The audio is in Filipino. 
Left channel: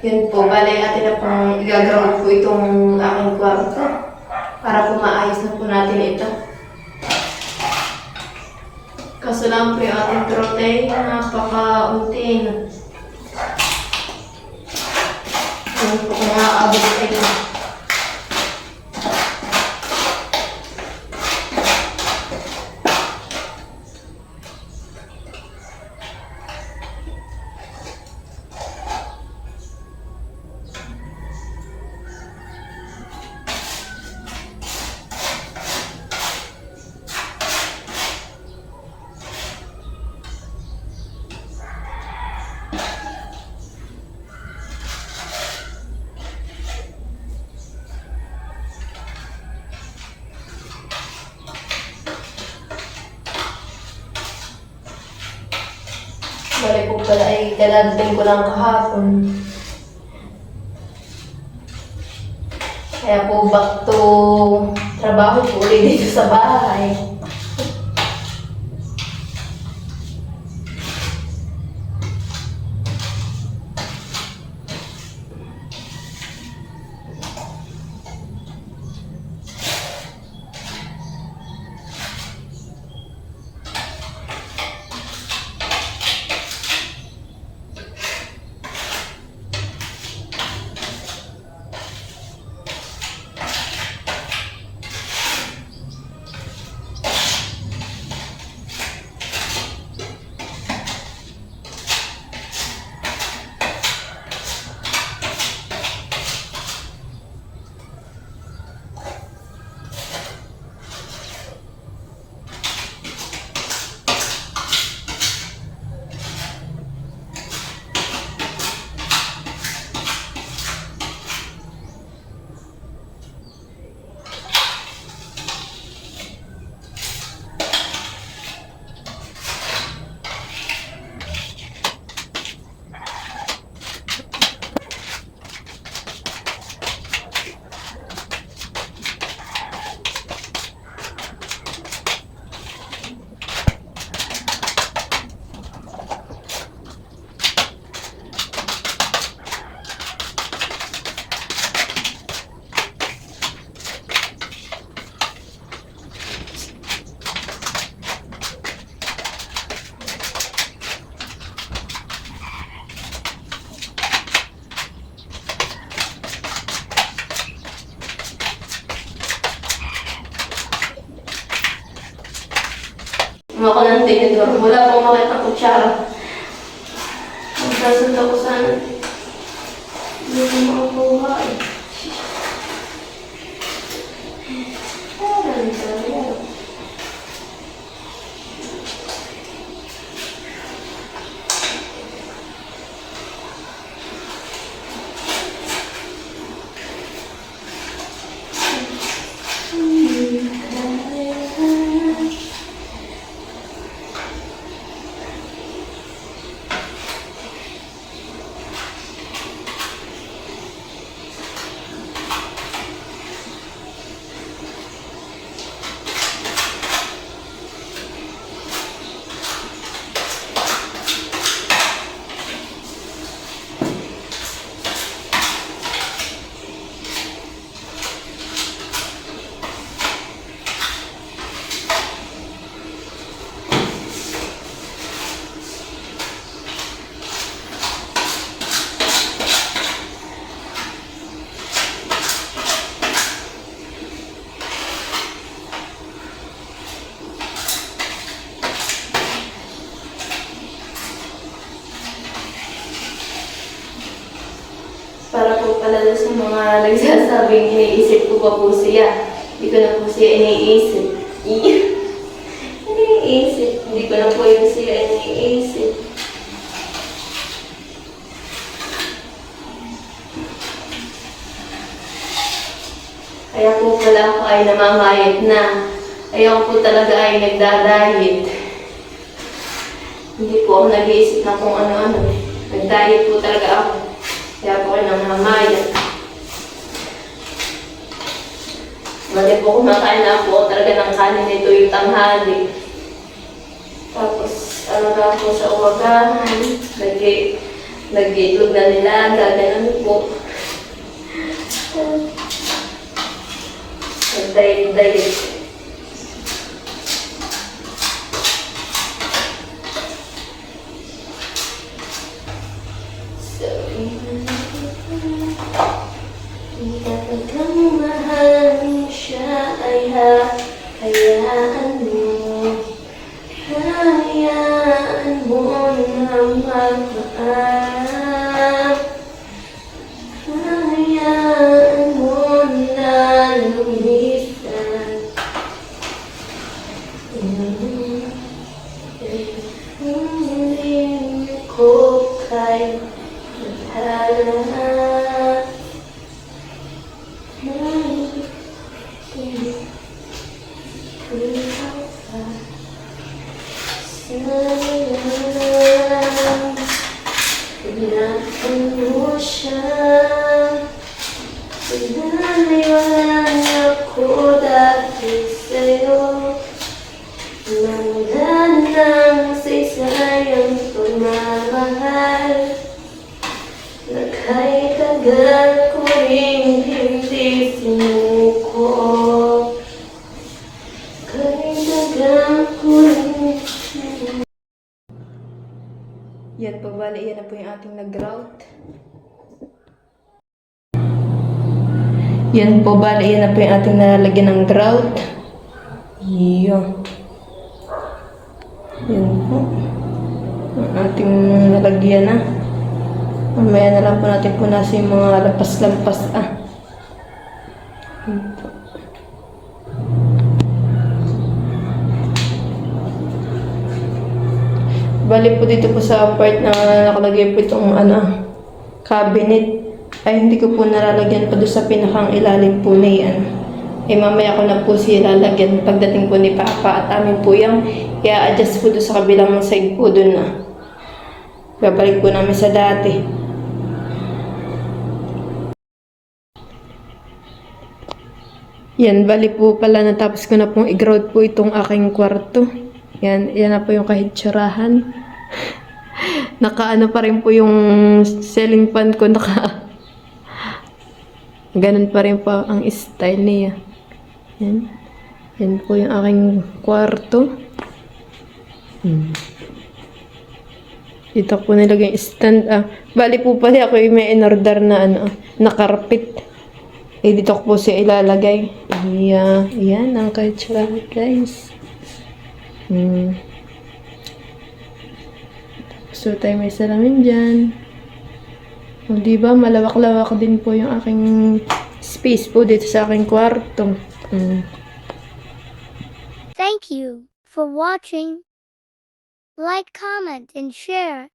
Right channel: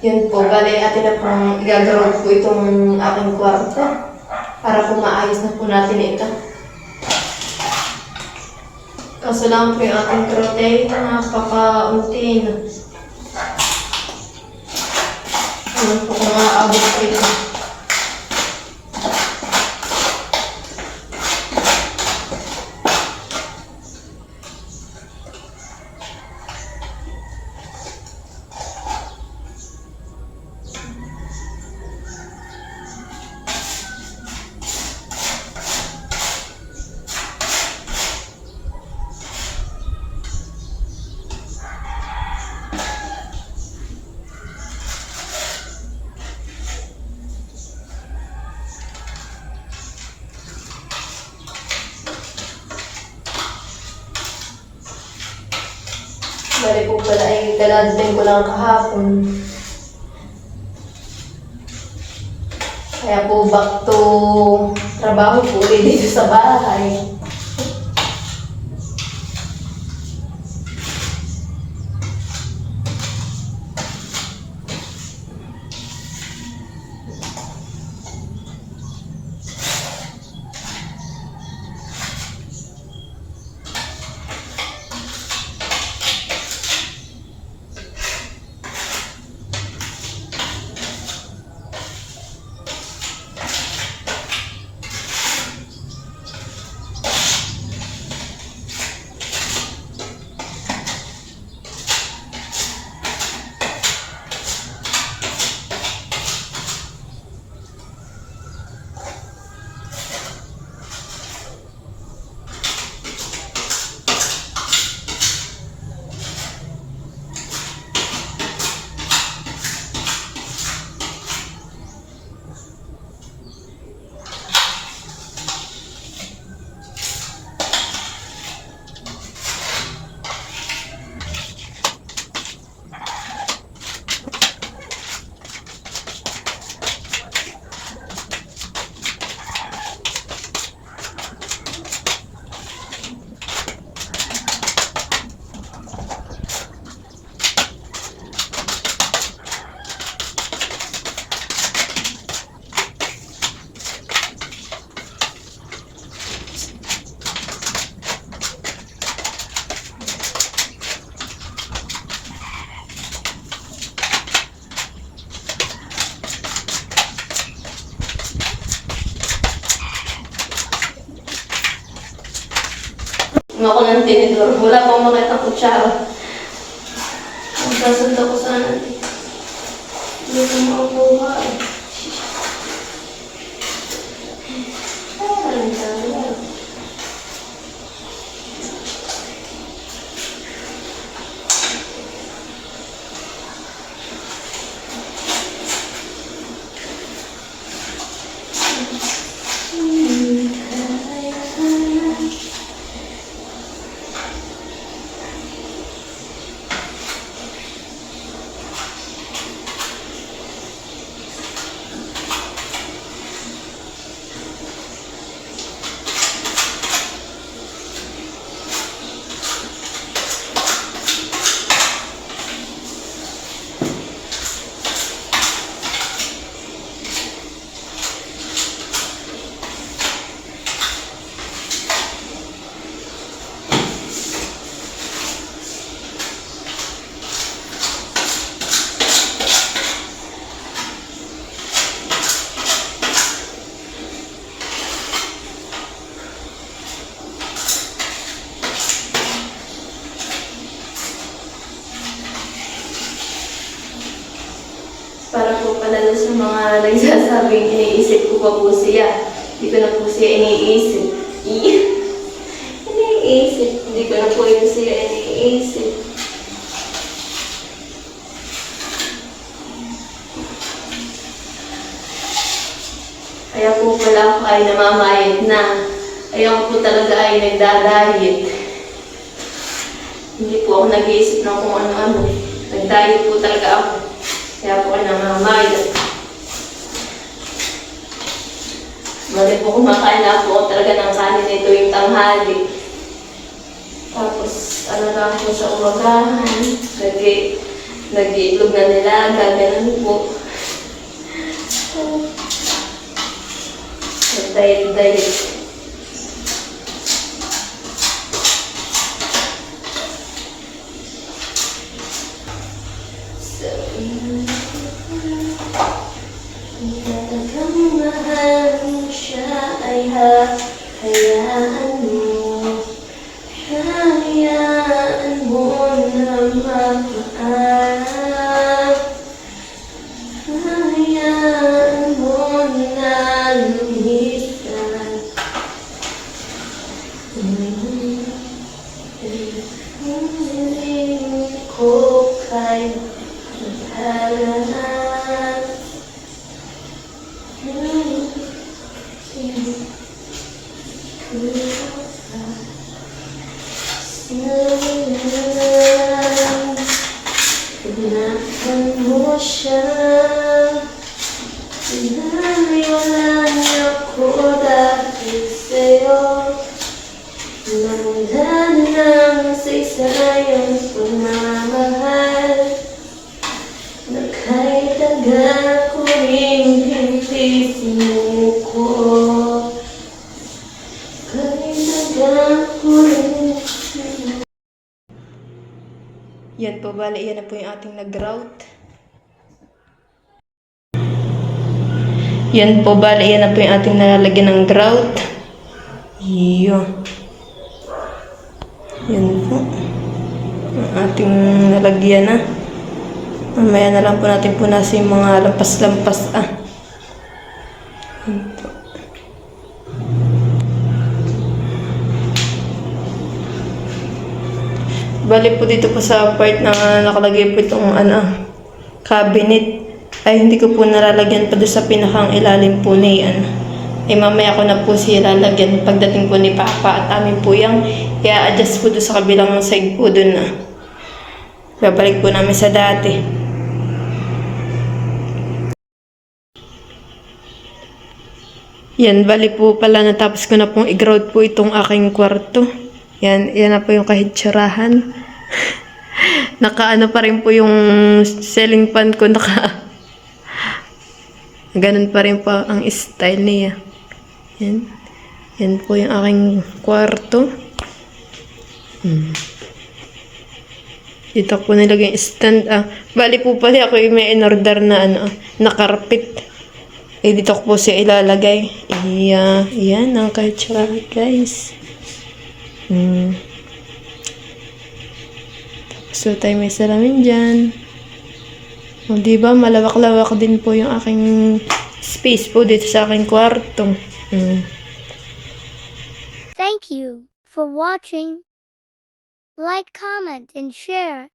Yun po, bale atin na pong igagawin po itong aking kwarto para po maayos na po natin ito. Kaso lang po yung ating protein, napaka-unti na. Ano po kung maaabot ko ito. Bale po pala ay daladating ko lang kahapon. Kaya po back to trabaho po ulit dito sa bahay. Ako ng tinidor. Wala pang makita kutsara. Nagsasunta ko sana. Hindi ko makakuha eh. Para po pala sa mga nagsasabing iniisip ko pa po siya. Hindi ko na po siya iniisip. Iniisip. Hindi ko na po ito siya iniisip. Kaya po pala ako ay namamayat na. Ayaw po talaga ay nagdadayit. Hindi po ako nag-iisip ng kung ano-ano. Nag-diet po talaga ako. Kaya po ay namamayat. Bali po kumakain na po talaga ng kanin nito yung tanghali. Tapos ano na po sa umagahan. Nag-iitlog na nilaga, ganun po. Nag-diet. So, talagang mahal siya ay hayaan mo. Hayaan mo na magmahal. Hayaan mo na lumisan. Hindi ko kaya maghalaan. Hayaan mo siya. Pinaniwalaan ako dahil sa'yo. Wala nang saysayang pagmamahal. Na kahit tagal ko rin hindi sinuko. Kahit tagal ko rin. Yan po, bali, yan na po yung ating nag-grout. Yan po, bali, yan na po yung ating nalalagyan ng grout. Yun. Yan po. Ang ating nalagyan na. Mamaya na lang po natin punasin yung mga lampas-lampas. Yan po. Bali po dito po sa part na nakalagay po itong cabinet. Ay hindi ko po nalalagyan pa doon sa pinakang ilalim po ni ay mamaya ko na po siya lalagyan pagdating po ni Papa at amin po yung i-adjust po doon sa kabilang side po doon na babalik po namin sa dati. Yan, bali po pala natapos ko na pong i-grout po itong aking kwarto. Yan na po yung kahitsurahan. Nakaano pa rin po yung ceiling fan ko, ganun pa rin po ang style niya. Yan po yung aking kwarto. Dito po nilagay yung stand. Bali po pala ako yung may in-order na na carpet. Dito ko po siya ilalagay. Yan ang kahitsurahan, guys. Tapos so tayo may salamin dyan. O diba, malawak-lawak din po yung aking space po dito sa aking kwarto. Thank you for watching. Like, comment, and share.